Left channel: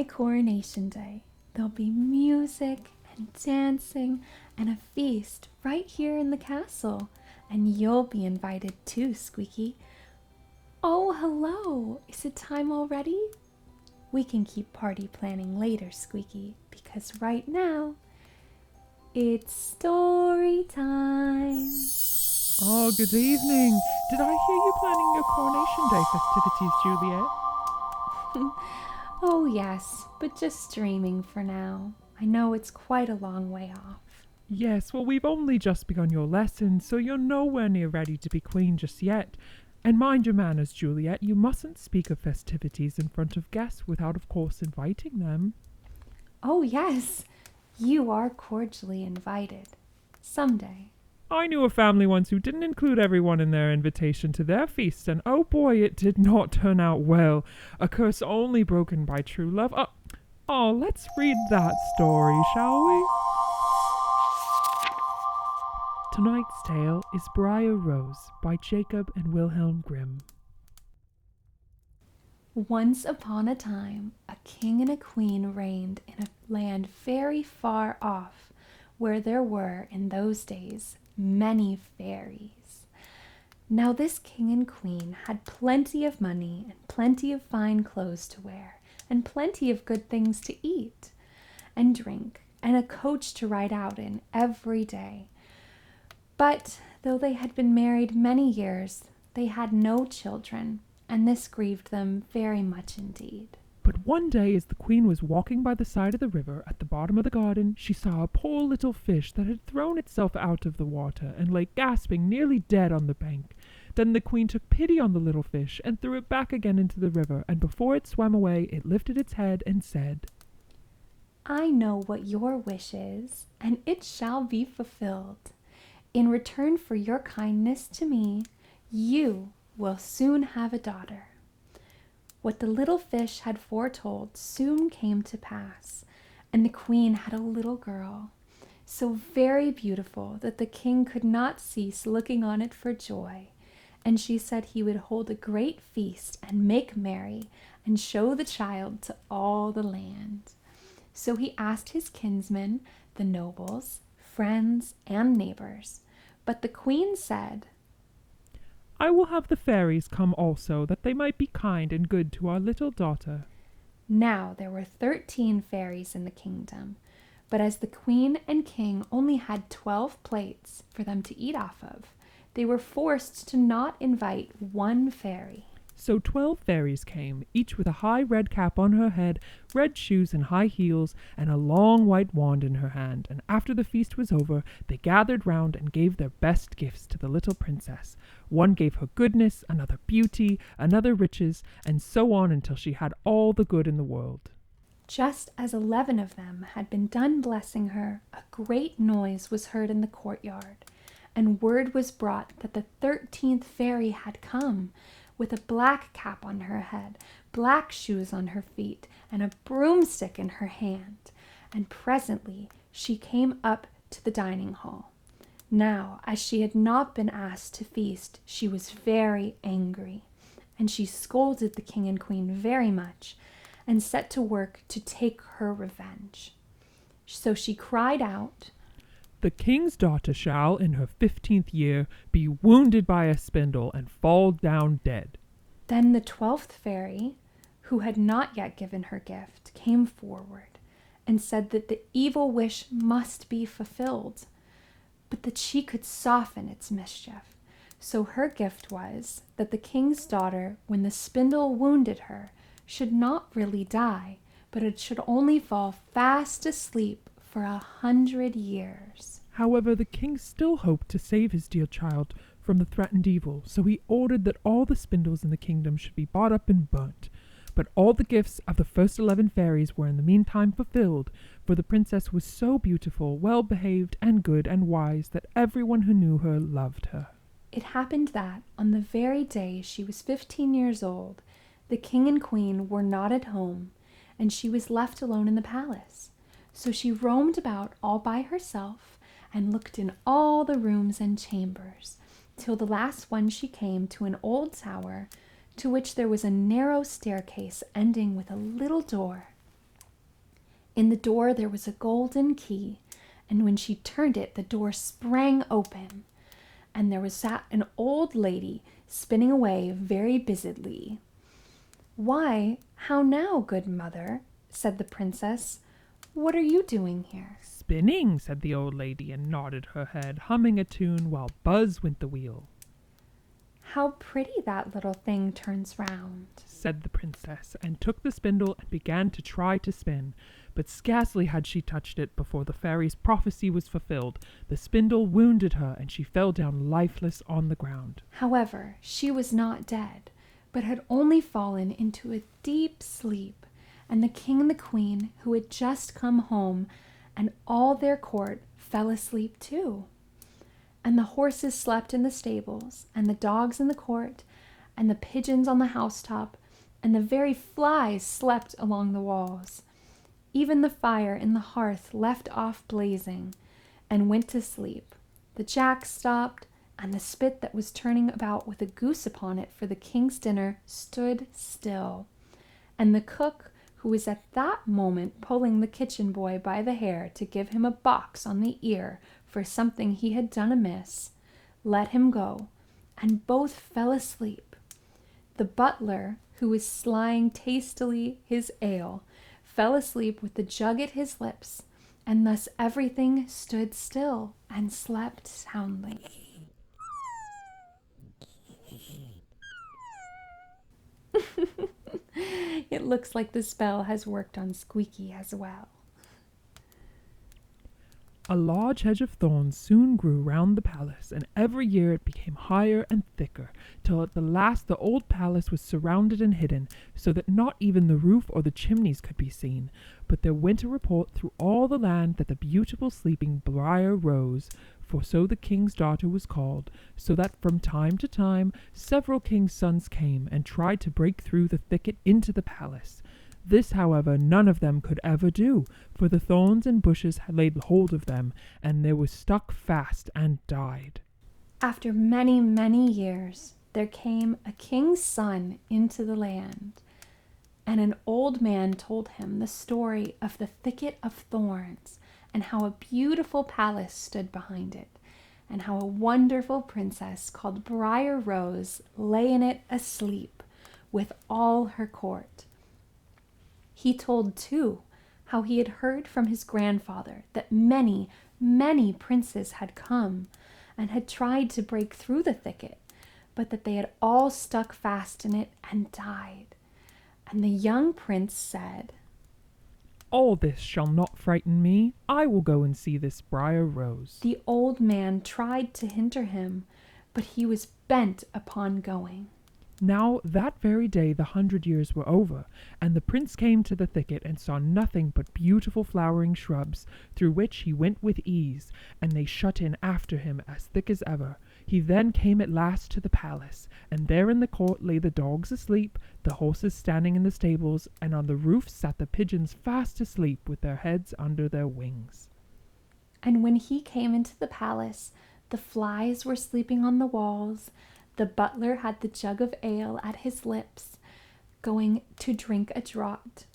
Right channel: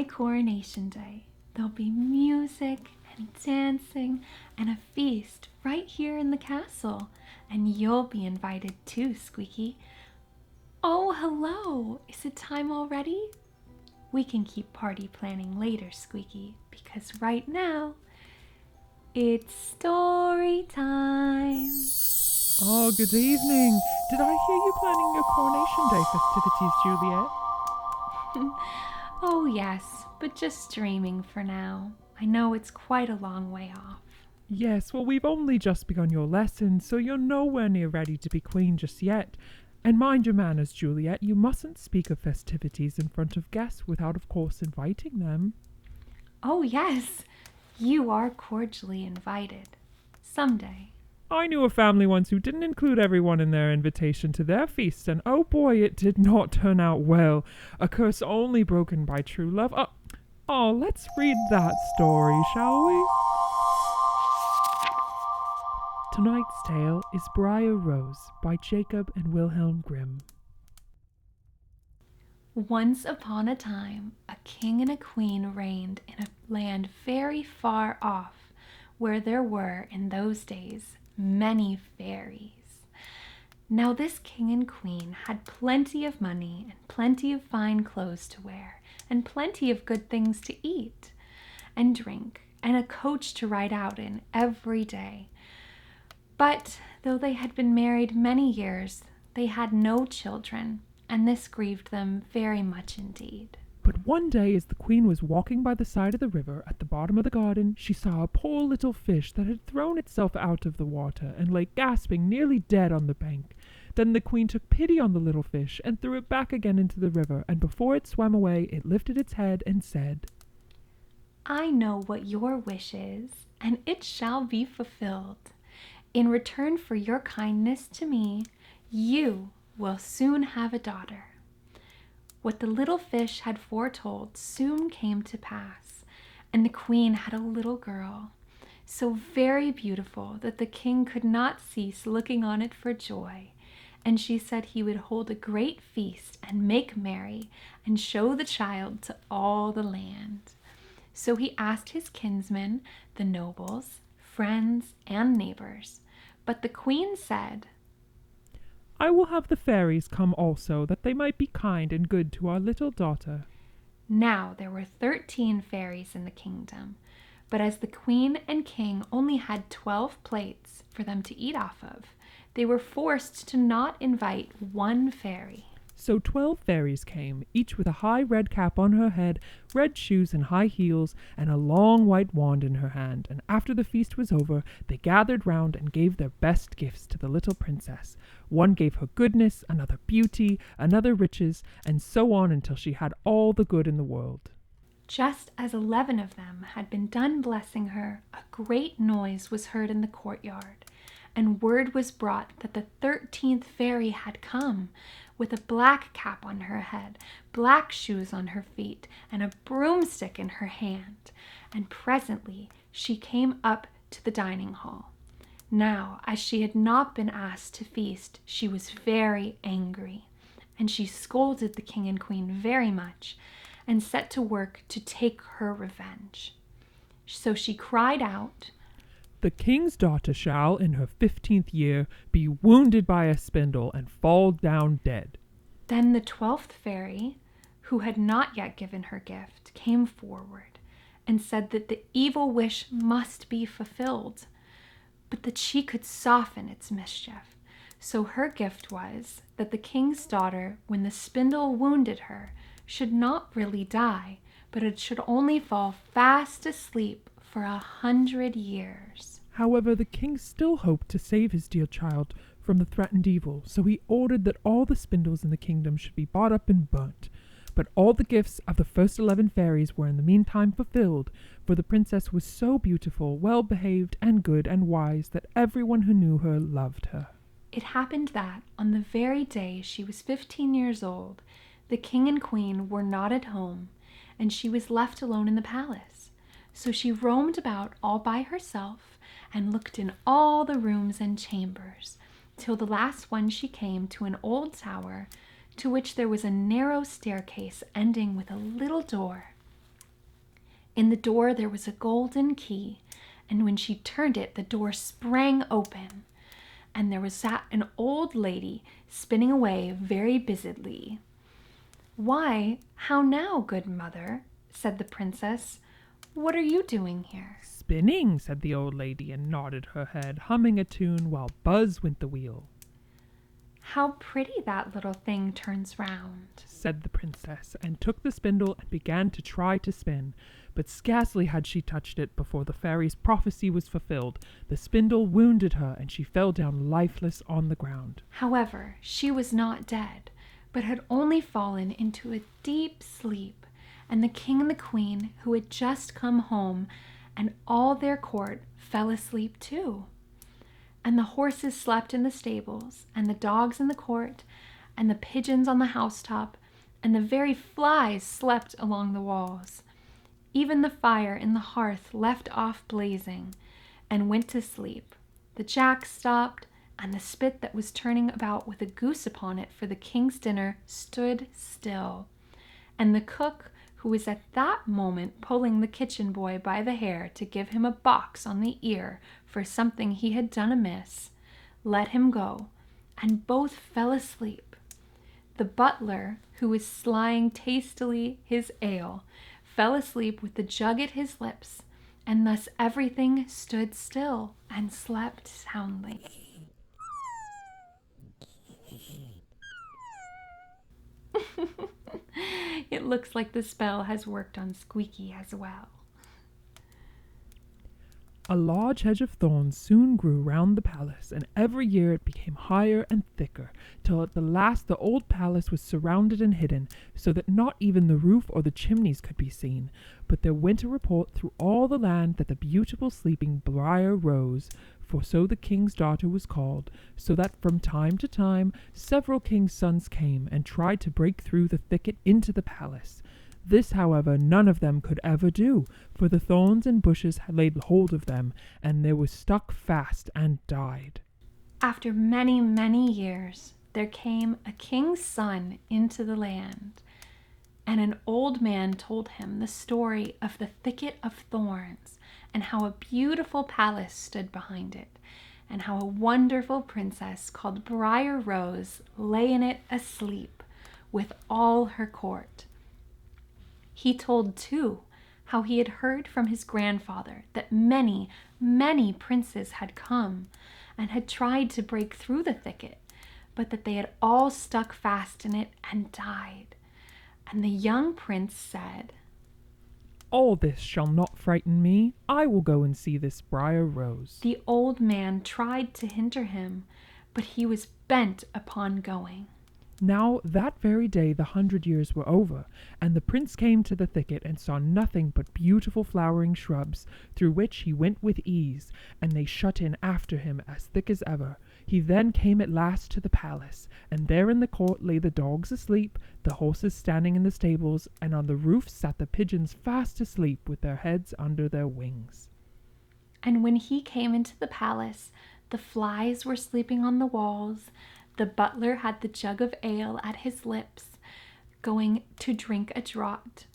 my coronation day, there'll be music and dancing and a feast right here in the castle. And you'll be invited too, Squeaky. Oh, hello! Is it time already? We can keep party planning later, Squeaky, because right now it's story time. Oh, good evening. Did I hear you planning your coronation day festivities, Juliette? Oh, yes, but just dreaming for now. I know it's quite a long way off. Yes, well, we've only just begun your lesson, so you're nowhere near ready to be queen just yet. And mind your manners, Juliette, you mustn't speak of festivities in front of guests without, of course, inviting them. Oh, yes, you are cordially invited. Someday. I knew a family once who didn't include everyone in their invitation to their feast, and oh boy, it did not turn out well. A curse only broken by true love. Let's read that story, shall we? Tonight's tale is Briar Rose by Jacob and Wilhelm Grimm. Once upon a time, a king and a queen reigned in a land very far off, where there were, in those days, many fairies. Now this king and queen had plenty of money and plenty of fine clothes to wear and plenty of good things to eat and drink and a coach to ride out in every day. But though they had been married many years, they had no children, and this grieved them very much indeed. But one day, as the queen was walking by the side of the river at the bottom of the garden, she saw a poor little fish that had thrown itself out of the water and lay gasping, nearly dead on the bank. Then the queen took pity on the little fish and threw it back again into the river, and before it swam away, it lifted its head and said, I know what your wish is, and it shall be fulfilled. In return for your kindness to me, you will soon have a daughter. What the little fish had foretold soon came to pass, and the queen had a little girl, so very beautiful that the king could not cease looking on it for joy. And she said he would hold a great feast and make merry and show the child to all the land. So he asked his kinsmen, the nobles, friends, and neighbors. But the queen said, I will have the fairies come also, that they might be kind and good to our little daughter. Now there were 13 fairies in the kingdom, but as the queen and king only had 12 plates for them to eat off of, they were forced to not invite one fairy. So 12 fairies came, each with a high red cap on her head, red shoes and high heels, and a long white wand in her hand. And after the feast was over, they gathered round and gave their best gifts to the little princess. One gave her goodness, another beauty, another riches, and so on until she had all the good in the world. Just as 11 of them had been done blessing her, a great noise was heard in the courtyard, and word was brought that the 13th fairy had come, with a black cap on her head, black shoes on her feet, and a broomstick in her hand. And presently she came up to the dining hall. Now, as she had not been asked to feast, she was very angry, and she scolded the king and queen very much, and set to work to take her revenge. So she cried out, The king's daughter shall, in her 15th year, be wounded by a spindle and fall down dead. Then the 12th fairy, who had not yet given her gift, came forward and said that the evil wish must be fulfilled, but that she could soften its mischief. So her gift was that the king's daughter, when the spindle wounded her, should not really die, but it should only fall fast asleep for 100 years. However, the king still hoped to save his dear child from the threatened evil, so he ordered that all the spindles in the kingdom should be bought up and burnt. But all the gifts of the first 11 fairies were in the meantime fulfilled, for the princess was so beautiful, well-behaved, and good and wise that everyone who knew her loved her. It happened that, on the very day she was 15 years old, the king and queen were not at home, and she was left alone in the palace. So she roamed about all by herself and looked in all the rooms and chambers, till the last one she came to an old tower, to which there was a narrow staircase ending with a little door. In the door there was a golden key, and when she turned it, the door sprang open, and there was sat an old lady spinning away very busily. "Why, how now, good mother?" said the princess. "What are you doing here?" "Spinning," said the old lady, and nodded her head, humming a tune while buzz went the wheel. "How pretty that little thing turns round," said the princess, and took the spindle and began to try to spin. But scarcely had she touched it before the fairy's prophecy was fulfilled. The spindle wounded her, and she fell down lifeless on the ground. However, she was not dead, but had only fallen into a deep sleep, and the king and the queen, who had just come home, and all their court, fell asleep too. And the horses slept in the stables, and the dogs in the court, and the pigeons on the housetop, and the very flies slept along the walls. Even the fire in the hearth left off blazing, and went to sleep. The jack stopped, and the spit that was turning about with a goose upon it for the king's dinner stood still. And the cook, who was at that moment pulling the kitchen boy by the hair to give him a box on the ear for something he had done amiss, let him go, and both fell asleep. The butler, who was slying tastily his ale, fell asleep with the jug at his lips, and thus everything stood still and slept soundly. It looks like the spell has worked on Squeaky as well. A large hedge of thorns soon grew round the palace, and every year it became higher and thicker, till at the last the old palace was surrounded and hidden, so that not even the roof or the chimneys could be seen. But there went a report through all the land that the beautiful sleeping Briar Rose, for so the king's daughter was called, so that from time to time several kings' sons came and tried to break through the thicket into the palace. This, however, none of them could ever do, for the thorns and bushes had laid hold of them, and they were stuck fast and died. After many, many years, there came a king's son into the land, and an old man told him the story of the thicket of thorns, and how a beautiful palace stood behind it, and how a wonderful princess called Briar Rose lay in it asleep with all her court. He told, too, how he had heard from his grandfather that many, many princes had come and had tried to break through the thicket, but that they had all stuck fast in it and died. And the young prince said, "All this shall not frighten me. I will go and see this Briar Rose." The old man tried to hinder him, but he was bent upon going. Now that very day the 100 years were over, and the prince came to the thicket and saw nothing but beautiful flowering shrubs, through which he went with ease, and they shut in after him as thick as ever. He then came at last to the palace, and there in the court lay the dogs asleep, the horses standing in the stables, and on the roof sat the pigeons fast asleep with their heads under their wings. And when he came into the palace, the flies were sleeping on the walls. The butler had the jug of ale at his lips, going to drink a draught,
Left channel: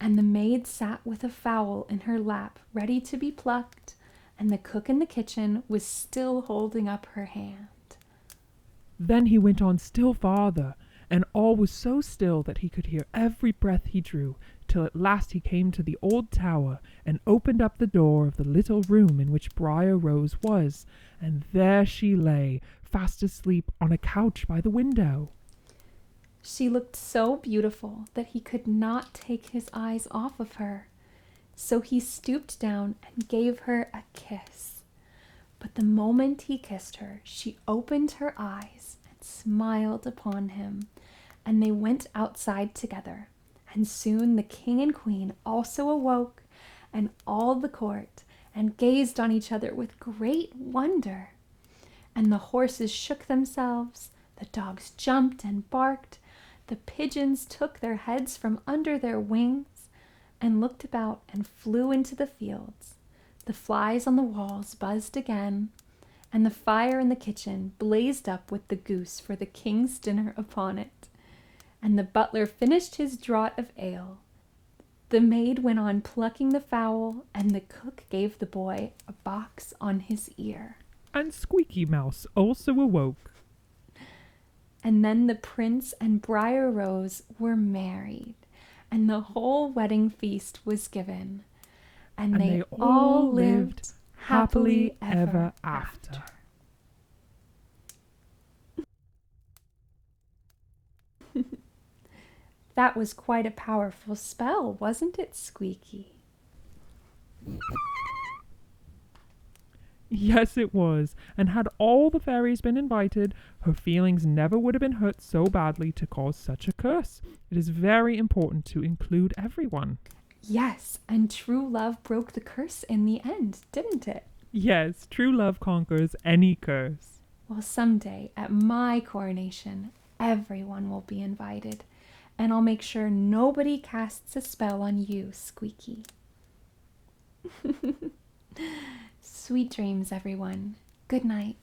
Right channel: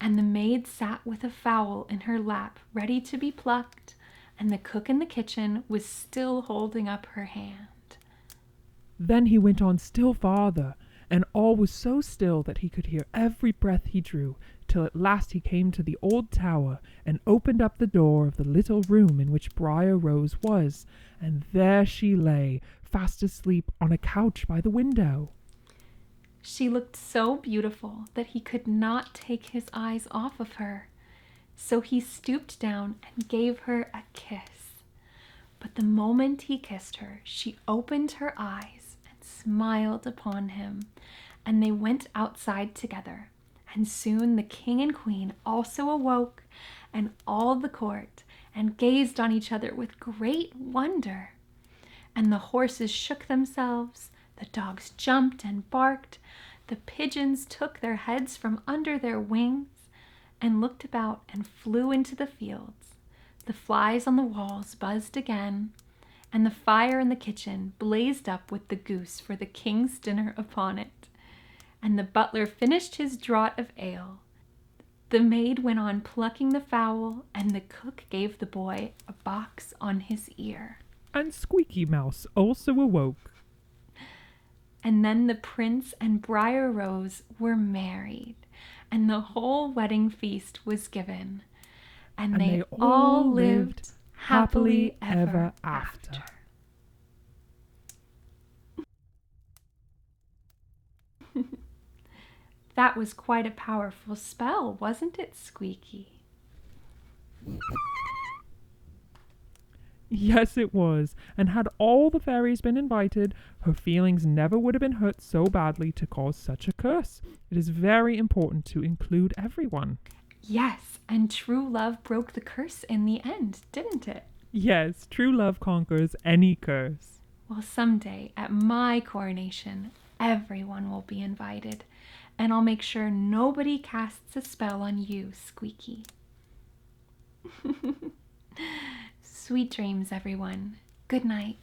and the maid sat with a fowl in her lap, ready to be plucked, and the cook in the kitchen was still holding up her hand. Then he went on still farther, and all was so still that he could hear every breath he drew, till at last he came to the old tower, and opened up the door of the little room in which Briar Rose was, and there she lay, fast asleep on a couch by the window. She looked so beautiful that he could not take his eyes off of her, so he stooped down and gave her a kiss. But the moment he kissed her, she opened her eyes and smiled upon him, and they went outside together. And soon the king and queen also awoke, and all the court, and gazed on each other with great wonder. And the horses shook themselves, the dogs jumped and barked, the pigeons took their heads from under their wings and looked about and flew into the fields. The flies on the walls buzzed again, and the fire in the kitchen blazed up with the goose for the king's dinner upon it. And the butler finished his draught of ale, The maid went on plucking the fowl, and the cook gave the boy a box on his ear. And Squeaky Mouse also awoke. And then the prince and Briar Rose were married, and the whole wedding feast was given. And they all lived happily ever after. That was quite a powerful spell, wasn't it, Squeaky? Yes, it was, and had all the fairies been invited, her feelings never would have been hurt so badly to cause such a curse. It is very important to include everyone. Yes, and true love broke the curse in the end, didn't it? Yes, true love conquers any curse. Well, someday at my coronation, everyone will be invited, and I'll make sure nobody casts a spell on you, Squeaky. Sweet dreams, everyone. Good night.